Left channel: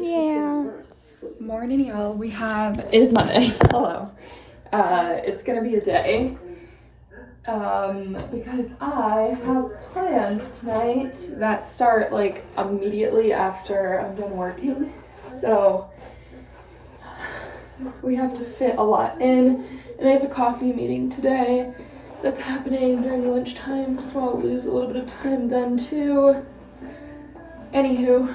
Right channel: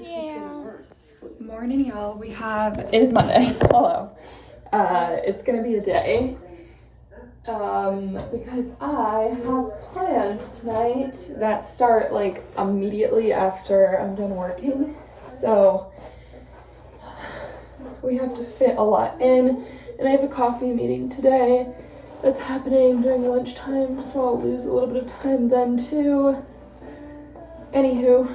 Yeah. Morning, y'all. It is Monday. Hello. It's gonna be a day. Because I have plans tonight that start like immediately after I'm done working. So we have to fit a lot in, and I have a coffee meeting today that's happening during lunchtime, so I'll lose a little bit of time then too. Anywho,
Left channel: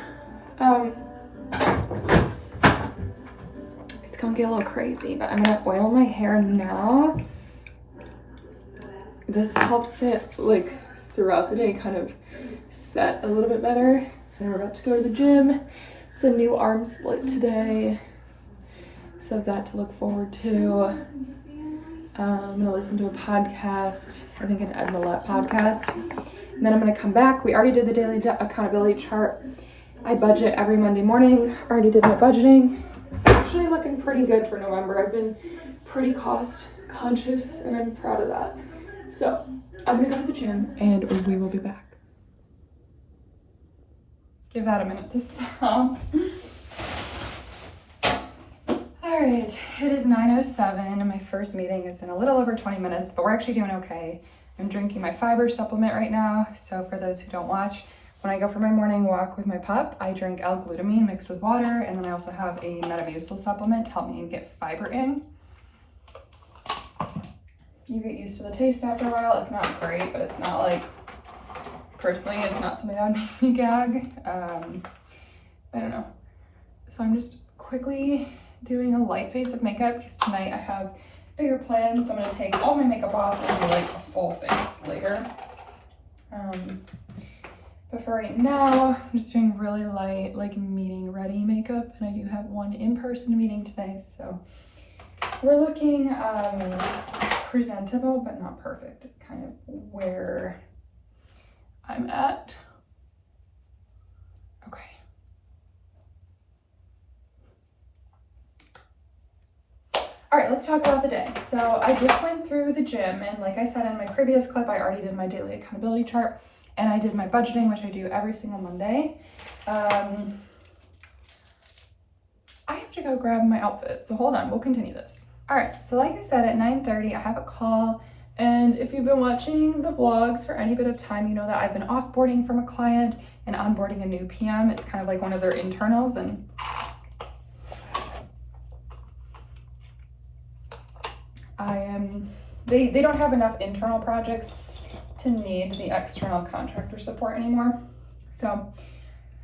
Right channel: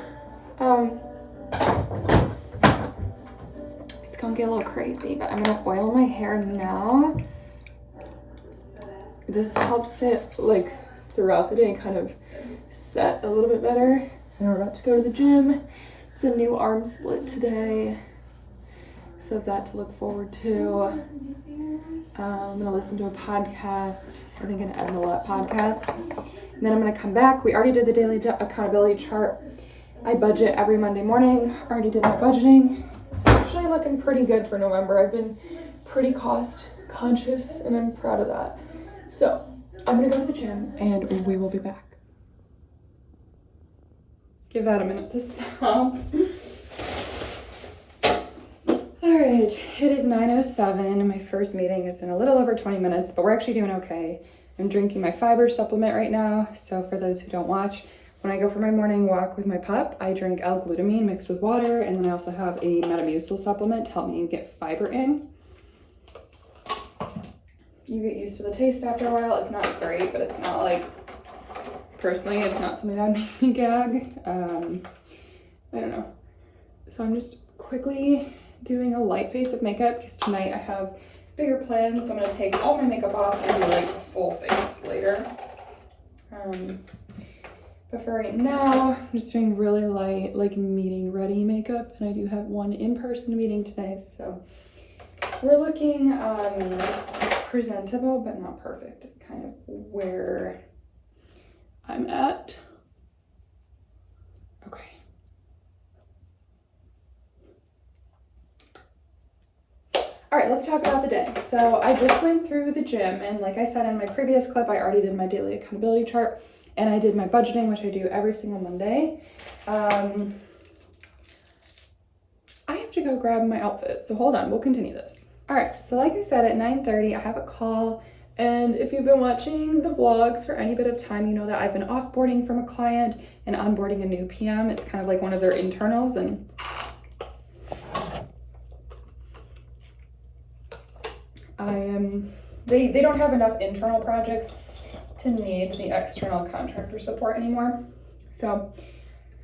it's gonna get a little crazy, but I'm gonna oil my hair now. This helps it like throughout the day kind of set a little bit better. And we're about to go to the gym. It's a new arm split today, so that to look forward to. I'm gonna listen to a podcast, I think an Ed Millett podcast, and then I'm gonna come back. We already did the daily accountability chart. I budget every Monday morning. Already did my budgeting. Actually looking pretty good for November. I've been pretty cost conscious and I'm proud of that. So I'm gonna go to the gym and we will be back. Give that a minute to stop. All right, it is 9:07 and my first meeting is in a little over 20 minutes, but we're actually doing okay. I'm drinking my fiber supplement right now. So for those who don't watch, when I go for my morning walk with my pup, I drink L-glutamine mixed with water, and then I also have a Metamucil supplement to help me get fiber in. You get used to the taste after a while. It's not great, but it's not like, personally, it's not something that would make me gag. I don't know. So I'm just quickly doing a light face of makeup because tonight I have bigger plans. So I'm gonna take all my makeup off and do like a full face later. But for right now, I'm just doing really light, like meeting ready makeup. And I do have one in-person meeting today, so we're looking presentable, but not perfect is kind of where I'm at. Okay. All right, let's talk about the day. So I just went through the gym, and like I said in my previous clip, I already did my daily accountability chart. And I did my budgeting, which I do every single Monday. I have to go grab my outfit, so hold on, we'll continue this. All right, so like I said, at 9:30, I have a call. And if you've been watching the vlogs for any bit of time, you know that I've been offboarding from a client and onboarding a new PM. It's kind of like one of their internals, and they don't have enough internal projects to need the external contractor support anymore. So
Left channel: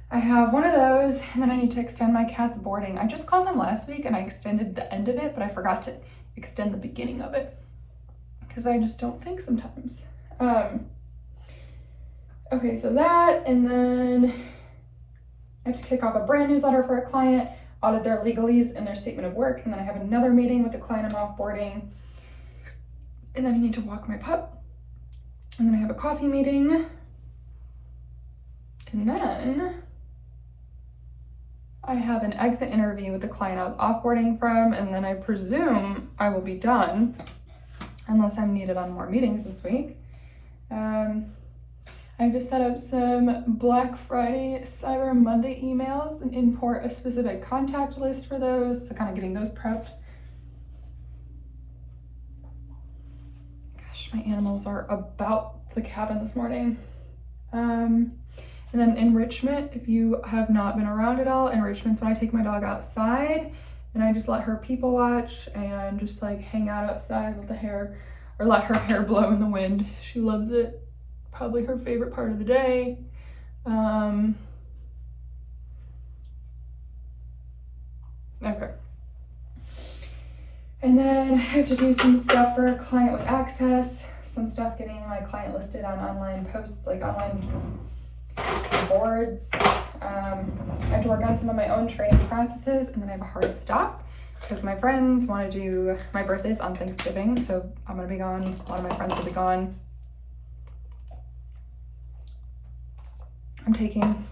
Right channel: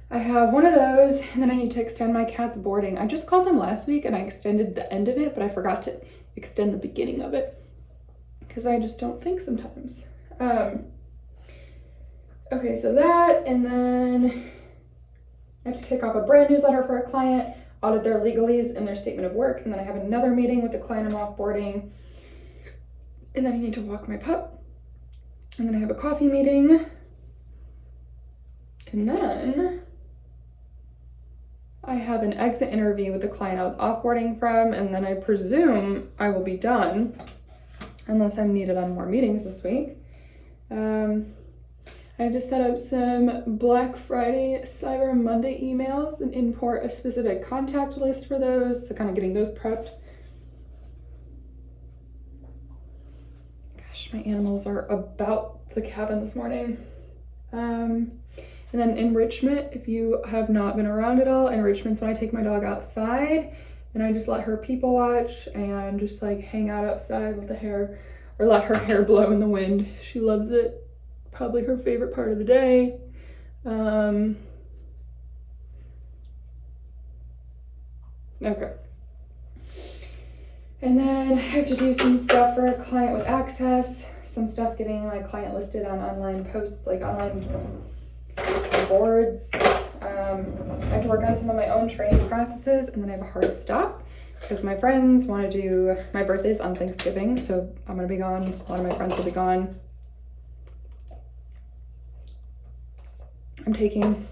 I have one of those, and then I need to extend my cat's boarding. I just called them last week and I extended the end of it, but I forgot to extend the beginning of it because I just don't think sometimes. Okay, so that, and then I have to kick off a brand newsletter for a client, audit their legalese and their statement of work, and then I have another meeting with the client I'm offboarding, and then I need to walk my pup. And then I have a coffee meeting. And then I have an exit interview with the client I was offboarding from. And then I presume I will be done unless I'm needed on more meetings this week. I have to set up some Black Friday, Cyber Monday emails and import a specific contact list for those. So kind of getting those prepped. My animals are about the cabin this morning. And then enrichment, if you have not been around at all, enrichment's when I take my dog outside and I just let her people watch and just like hang out outside with the hair, or let her hair blow in the wind. She loves it. Probably her favorite part of the day. Okay. And then I have to do some stuff for a client with access, some stuff getting my client listed on online posts, like online boards. I have to work on some of my own training processes, and then I have a hard stop because my friends want to do, my birthday's on Thanksgiving, so I'm going to be gone. A lot of my friends will be gone. I'm taking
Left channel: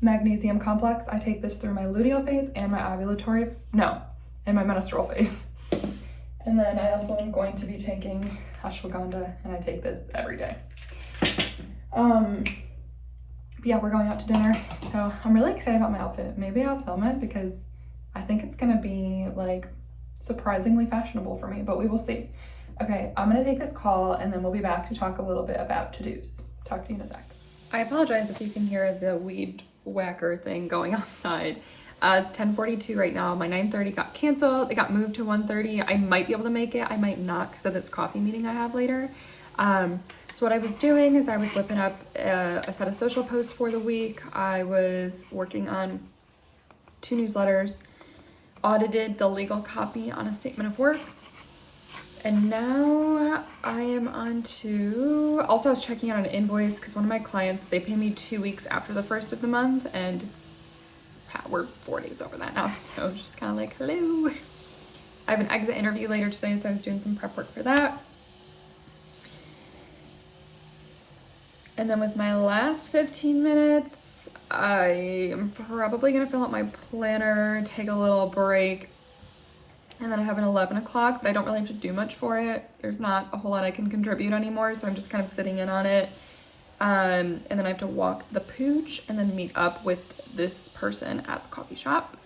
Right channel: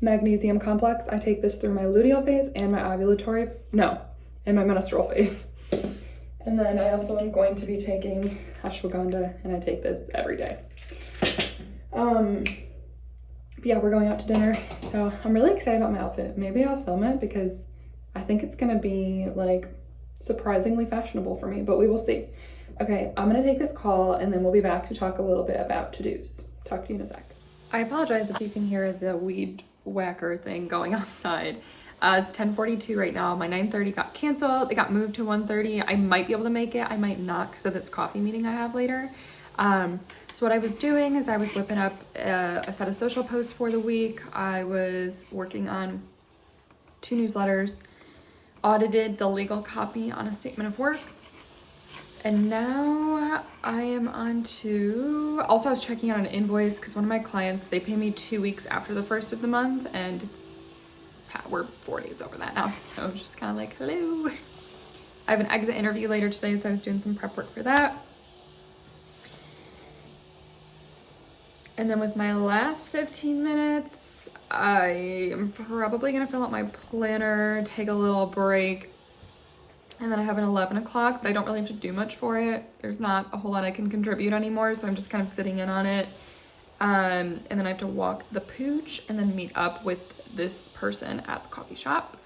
magnesium complex. I take this through my luteal phase and my and my menstrual phase. And then I also am going to be taking ashwagandha, and I take this every day. But yeah, we're going out to dinner, so I'm really excited about my outfit. Maybe I'll film it because I think it's gonna be like surprisingly fashionable for me, but we will see. Okay, I'm gonna take this call and then we'll be back to talk a little bit about to-dos. Talk to you in a sec. I apologize if you can hear the weed whacker thing going outside. It's 10:42 right now. My 9:30 got canceled. It got moved to 1:30. I might be able to make it. I might not because of this coffee meeting I have later. So what I was doing is I was whipping up a set of social posts for the week. I was working on 2 newsletters, audited the legal copy on a statement of work, and now I am on to, also I was checking out an invoice because one of my clients, they pay me 2 weeks after the first of the month, and we're 4 days over that now, so just kind of like, hello. I have an exit interview later today, so I was doing some prep work for that. And then with my last 15 minutes, I am probably gonna fill out my planner, take a little break, and then I have an 11 o'clock, but I don't really have to do much for it. There's not a whole lot I can contribute anymore, so I'm just kind of sitting in on it. And then I have to walk the pooch and then meet up with this person at the coffee shop.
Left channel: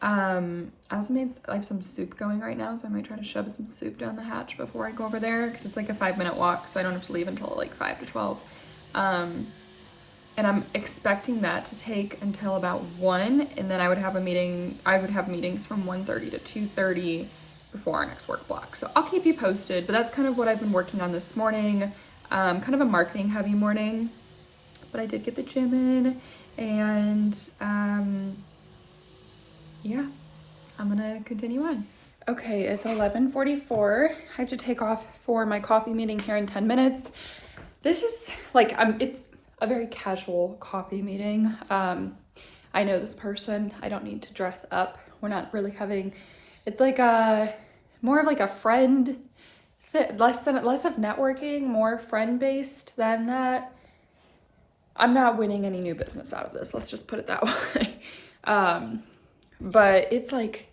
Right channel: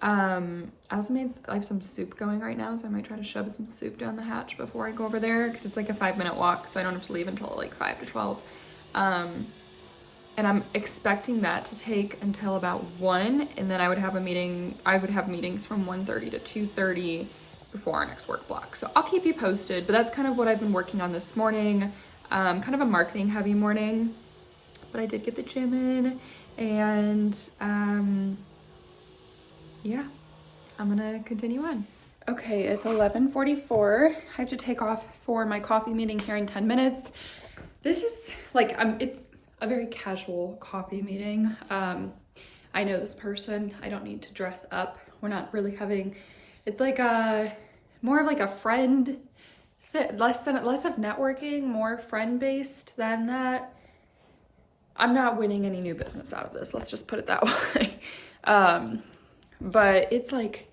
I have some soup going right now, so I might try to shove some soup down the hatch before I go over there, because it's like a 5-minute walk, so I don't have to leave until like 5 to 12. And I'm expecting that to take until about 1, and then I would have meetings from 1:30 to 2:30 before our next work block. So I'll keep you posted, but that's kind of what I've been working on this morning. Kind of a marketing heavy morning, but I did get the gym in, and yeah, I'm gonna continue on. Okay, it's 11:44. I have to take off for my coffee meeting here in 10 minutes. This is like, it's a very casual coffee meeting. I know this person. I don't need to dress up. We're not really having, it's like more of like a friend, less of networking, more friend-based than that. I'm not winning any new business out of this. Let's just put it that way. But it's like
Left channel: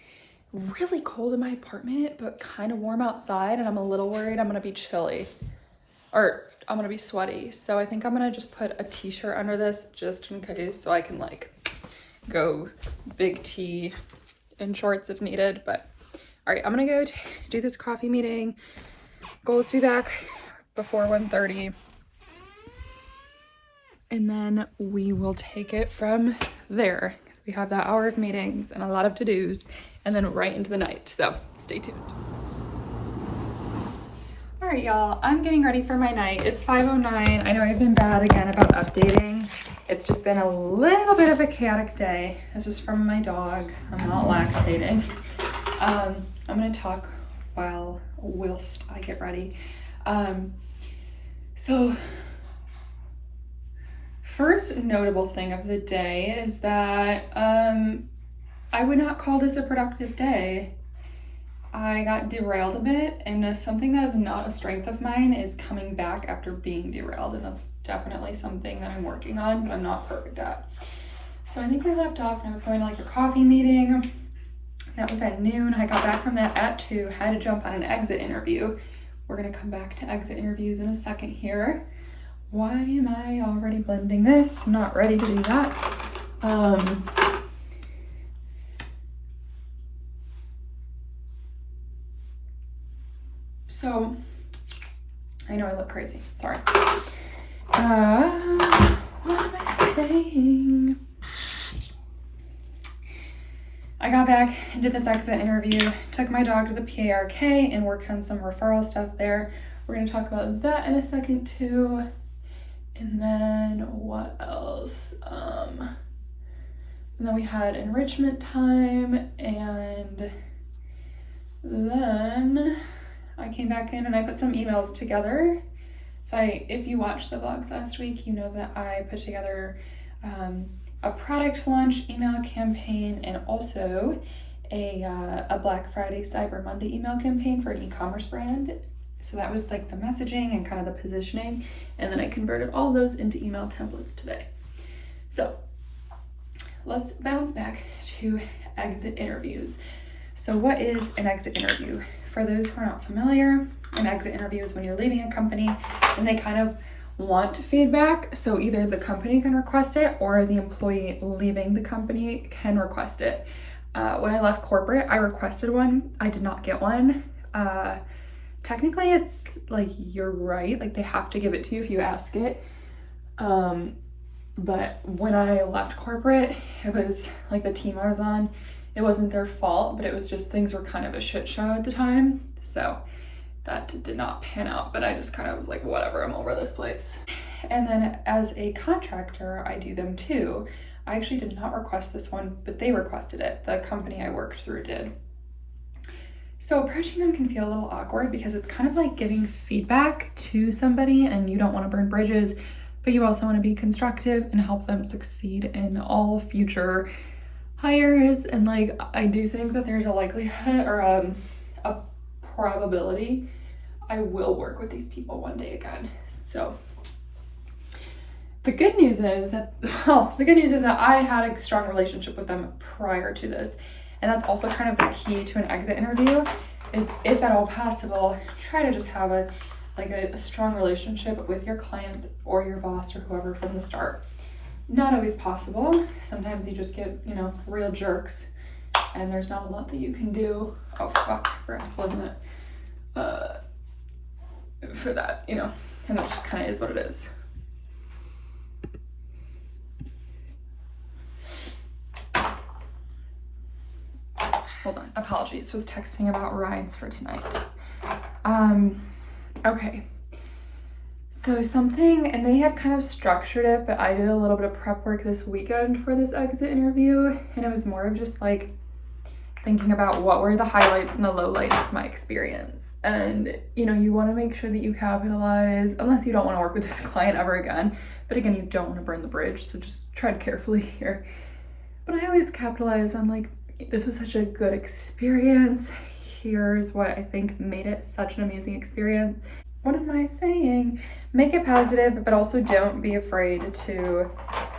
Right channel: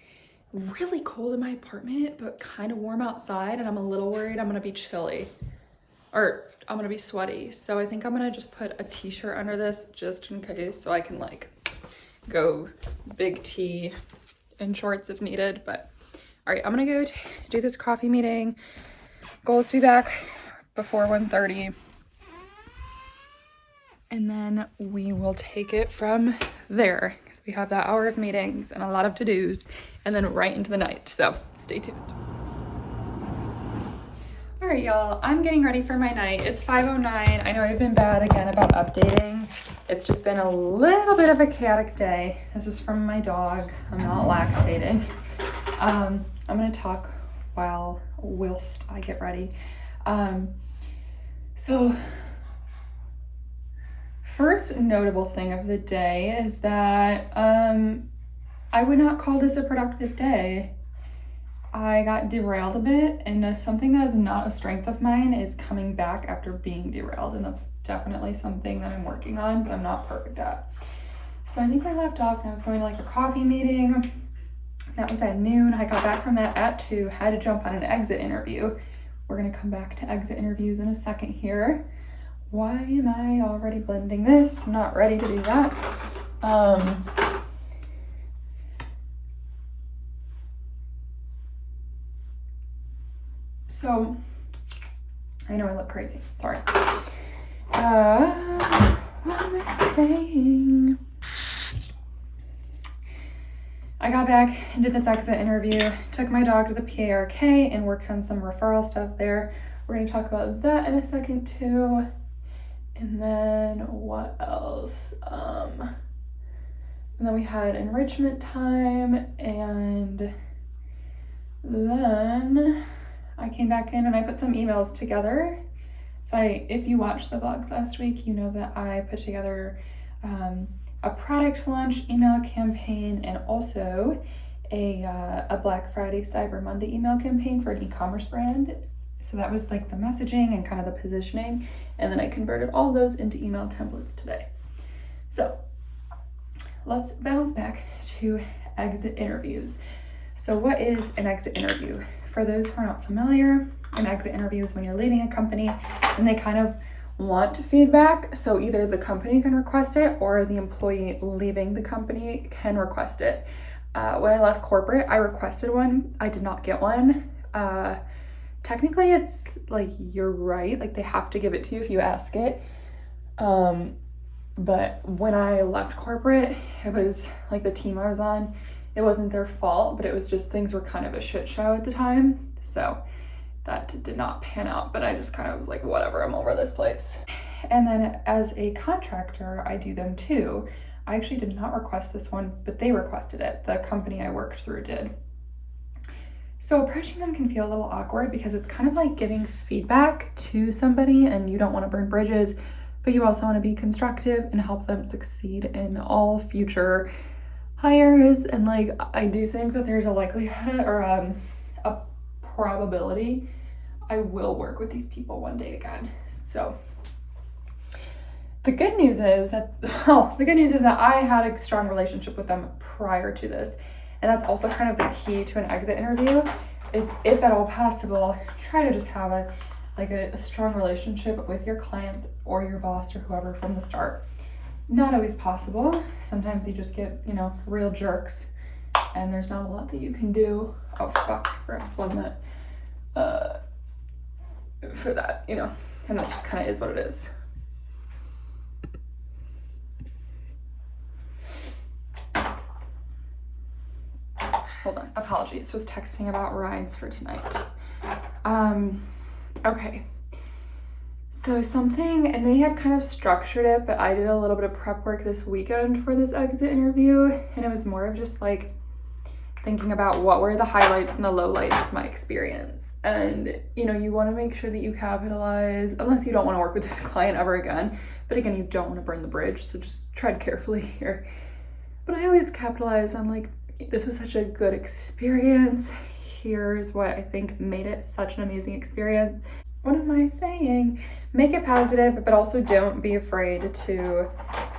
really cold in my apartment, but kind of warm outside, and I'm a little worried I'm gonna be chilly. Or I'm gonna be sweaty. So I think I'm gonna just put a t-shirt under this just in case, so I can like go big T in shorts if needed. But all right, I'm gonna go do this coffee meeting. Goal is to be back before 1:30. And then we will take it from there. We have that hour of meetings and a lot of to-dos, and then right into the night. So stay tuned. All right, y'all, I'm getting ready for my night. It's 5:09. I know I've been bad again about updating. It's just been a little bit of a chaotic day. This is from my dog. I'm not lactating. I'm gonna talk whilst I get ready. So first notable thing of the day is that I would not call this a productive day. I got derailed a bit, and something that is not a strength of mine is coming back after being derailed, and that's definitely something that I'm working on, but I'm not perfect at. So I think we left off and I was going to like a coffee meeting. That was at noon. I got back from that at 2, had to jump on an exit interview. We're gonna come back to exit interviews in a second here. Why am I already blending this? I'm not ready to do that. So, I know I look crazy, sorry. What am I saying? I got back and did this exit interview, took my dog to the PARK and worked on some referral stuff there. We're gonna talk about that in a second too. And then what else? And then we had enrichment time, and then I came back in and I put some emails together. So if you watched the vlogs last week, you know that I put together a product launch email campaign and also a Black Friday Cyber Monday email campaign for an e-commerce brand. So that was like the messaging and kind of the positioning, and then I converted all those into email templates today. So let's bounce back to exit interviews. So what is an exit interview? For those who are not familiar, an exit interview is when you're leaving a company and they kind of want feedback. So either the company can request it or the employee leaving the company can request it. When I left corporate, I requested one. I did not get one. Technically, it's like, you're right, like they have to give it to you if you ask it. But when I left corporate, it was like the team I was on, it wasn't their fault, but it was just things were kind of a shit show at the time. So that did not pan out, but I just kind of was like, whatever, I'm over this place. And then as a contractor, I do them too. I actually did not request this one, but they requested it. The company I worked through did. So approaching them can feel a little awkward because it's kind of like giving feedback to somebody and you don't want to burn bridges, but you also want to be constructive and help them succeed in all future hires. And like, I do think that there's a likelihood or a probability I will work with these people one day again. So the good news is that I had a strong relationship with them prior to this. And that's also kind of the key to an exit interview, is if at all possible, try to just have a strong relationship with your clients or your boss or whoever from the start. Not always possible. Sometimes you just get, real jerks and there's not a lot that you can do. Oh fuck, I forgot to plug that. For that, and that just kind of is what it is. Hold on, apologies, was texting about rides for tonight. Okay. So and they had kind of structured it, but I did a little bit of prep work this weekend for this exit interview, and it was more of just like thinking about what were the highlights and the lowlights of my experience. And, you want to make sure that you capitalize, unless you don't want to work with this client ever again. But again, you don't want to burn the bridge, so just tread carefully here. But I always capitalize on like, this was such a good experience. Here's what I think made it such an amazing experience. What am I saying? Make it positive, but also don't be afraid to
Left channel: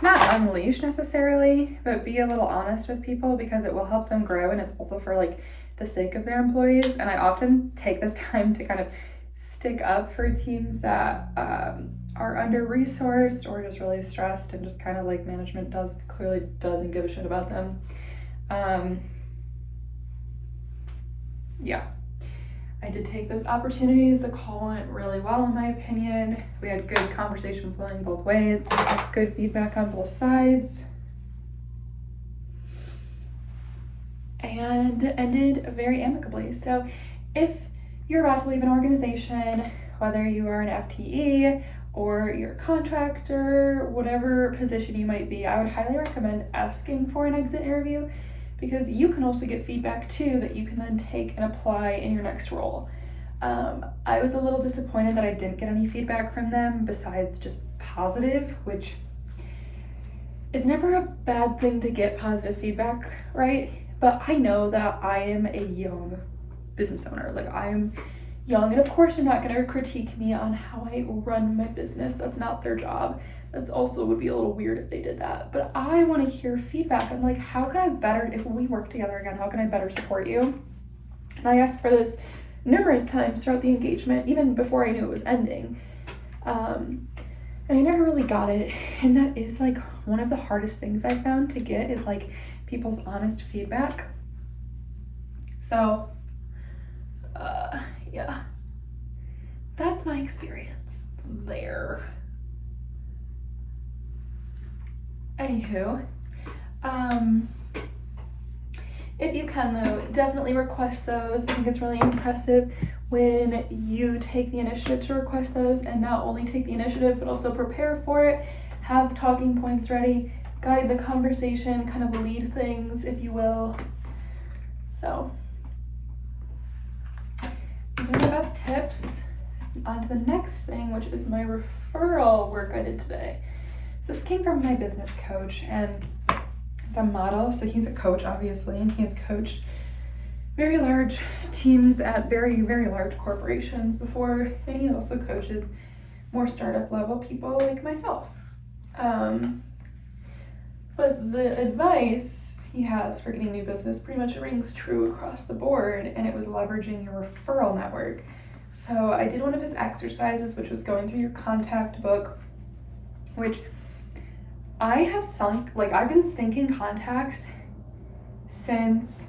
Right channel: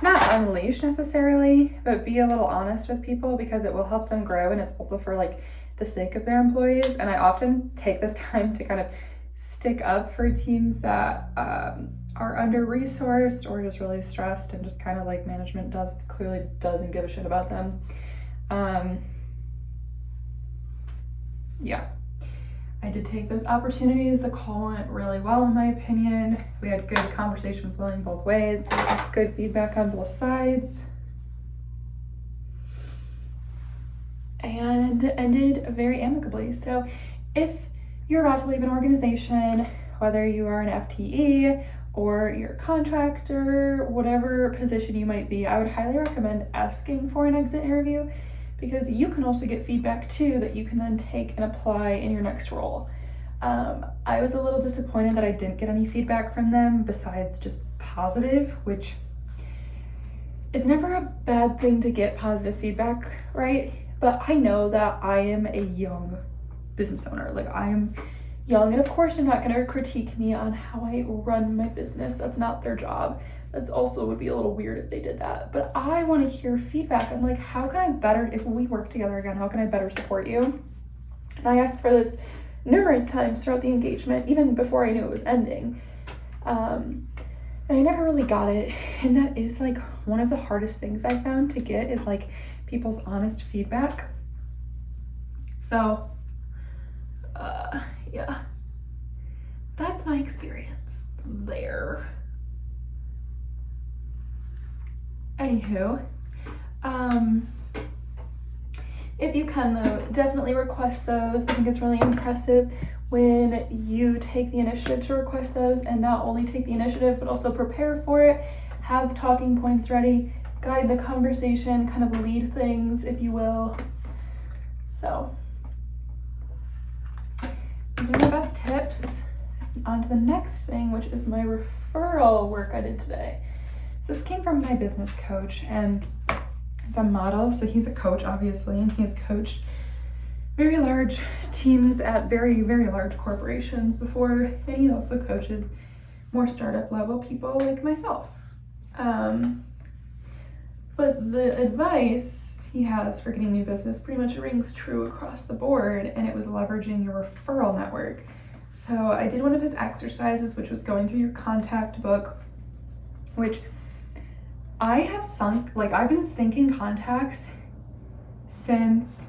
not unleash necessarily, but be a little honest with people because it will help them grow, and it's also for like the sake of their employees. And I often take this time to kind of stick up for teams that are under-resourced or just really stressed, and just kind of like management clearly doesn't give a shit about them. Yeah. I did take those opportunities. The call went really well, in my opinion. We had good conversation flowing both ways, good feedback on both sides, and ended very amicably. So if you're about to leave an organization, whether you are an FTE or you're a contractor, whatever position you might be, I would highly recommend asking for an exit interview, because you can also get feedback too that you can then take and apply in your next role. I was a little disappointed that I didn't get any feedback from them besides just positive, which it's never a bad thing to get positive feedback, right? But I know that I am a young business owner. Like, I'm young, and of course they're not gonna critique me on how I run my business. That's not their job. That's also would be a little weird if they did that. But I want to hear feedback. I'm like, how can I better, if we work together again, how can I better support you? And I asked for this numerous times throughout the engagement, even before I knew it was ending. And I never really got it. And that is like one of the hardest things I found to get, is like people's honest feedback. So, yeah, that's my experience there. Anywho, if you can though, definitely request those. I think it's really impressive when you take the initiative to request those, and not only take the initiative, but also prepare for it, have talking points ready, guide the conversation, kind of lead things, if you will. So, these are my best tips. On to the next thing, which is my referral work I did today. So this came from my business coach, and it's a model. So he's a coach, obviously, and he's coached very large teams at very, very large corporations before. And he also coaches more startup level people like myself. But the advice he has for getting new business pretty much rings true across the board, and it was leveraging your referral network. So I did one of his exercises, which was going through your contact book, which I have I've been sinking contacts since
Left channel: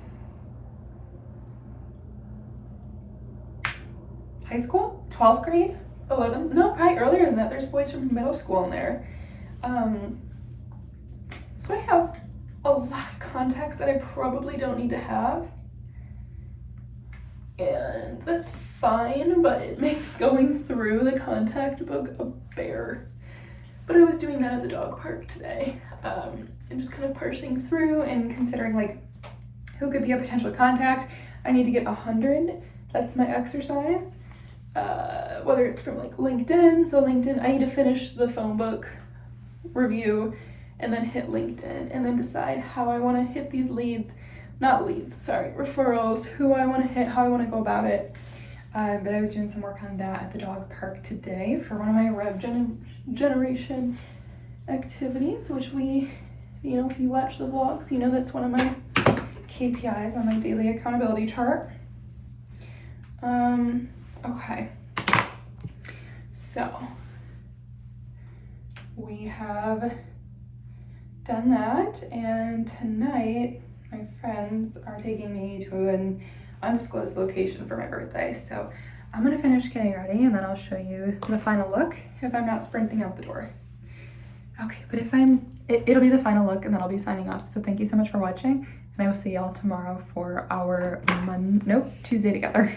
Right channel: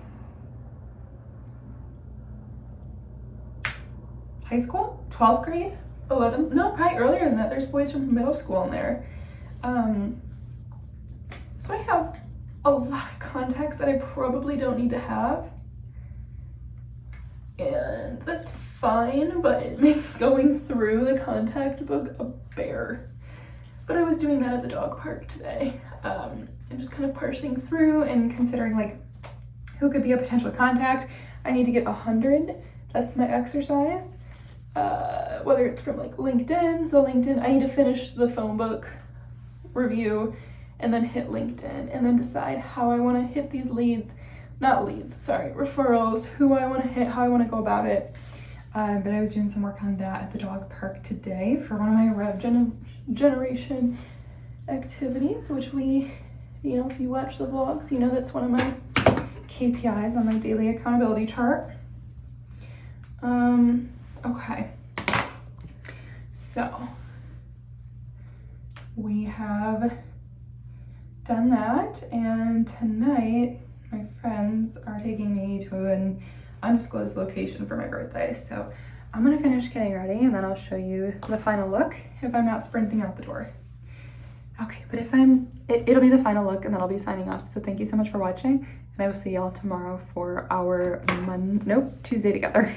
high school, 12th grade, 11th, no, probably earlier than that. There's boys from middle school in there. So I have a lot of contacts that I probably don't need to have. And that's fine, but it makes going through the contact book a bear. But I was doing that at the dog park today. I'm just kind of parsing through and considering like who could be a potential contact. I need to get 100. That's my exercise. Whether it's from like LinkedIn. So LinkedIn, I need to finish the phone book review and then hit LinkedIn and then decide how I want to hit these referrals, who I want to hit, how I want to go about it. But I was doing some work on that at the dog park today for one of my rev generation activities, which we, if you watch the vlogs, that's one of my KPIs on my daily accountability chart. Okay. So we have done that, and tonight my friends are taking me to an undisclosed location for my birthday. So I'm gonna finish getting ready and then I'll show you the final look if I'm not sprinting out the door. Okay, but if it'll be the final look and then I'll be signing off. So thank you so much for watching, and I will see y'all tomorrow for our Tuesday together.